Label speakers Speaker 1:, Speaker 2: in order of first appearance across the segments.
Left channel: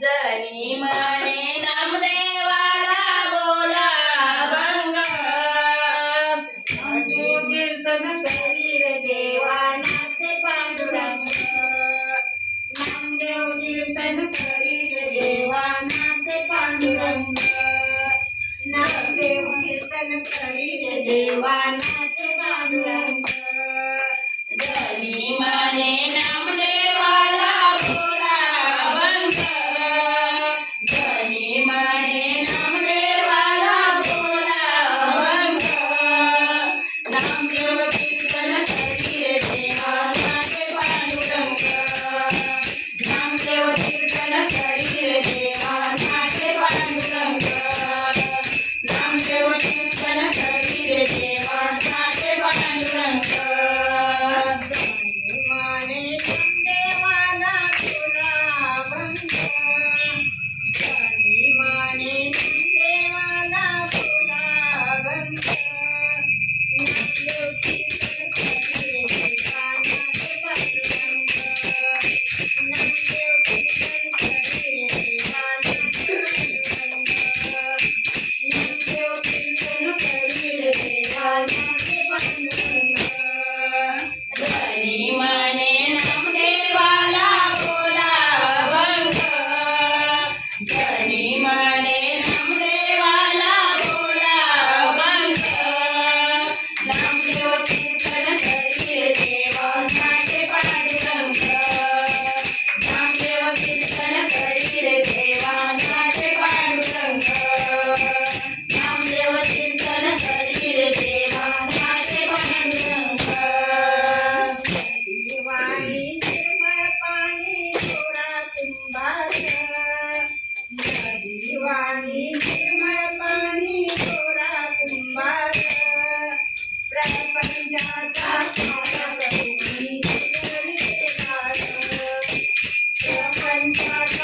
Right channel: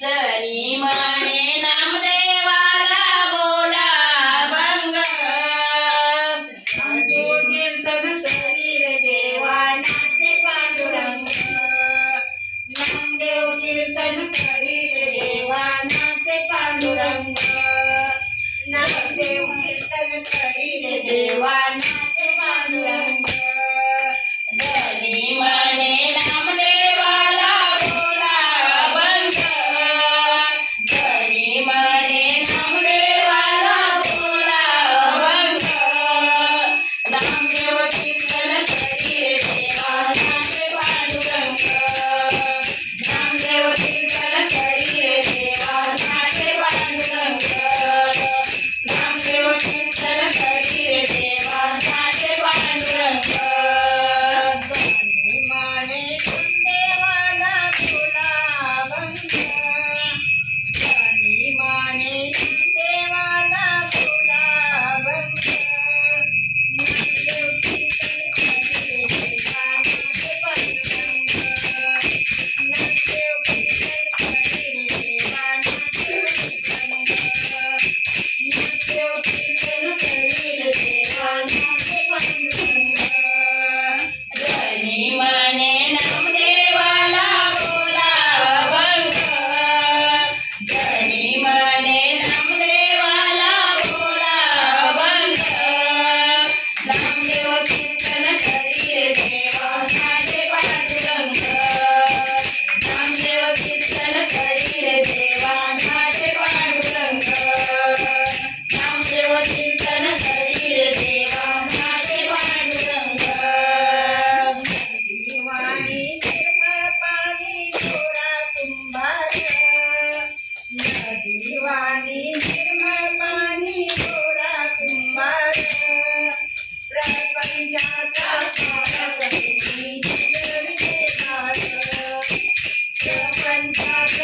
Speaker 1: जरी म्हणे नामदेवाला बोला भंग.
Speaker 2: कीर्तन करीर देवा नाचे पांडुरंग नामदेव कीर्तन करीर देवा नाचे पांडुरंग. नामदेव कीर्तन करीर देवा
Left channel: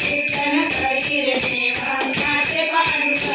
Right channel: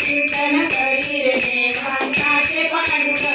Speaker 1: કીર્તન કરી રે દેવા સાથે
Speaker 2: પાડું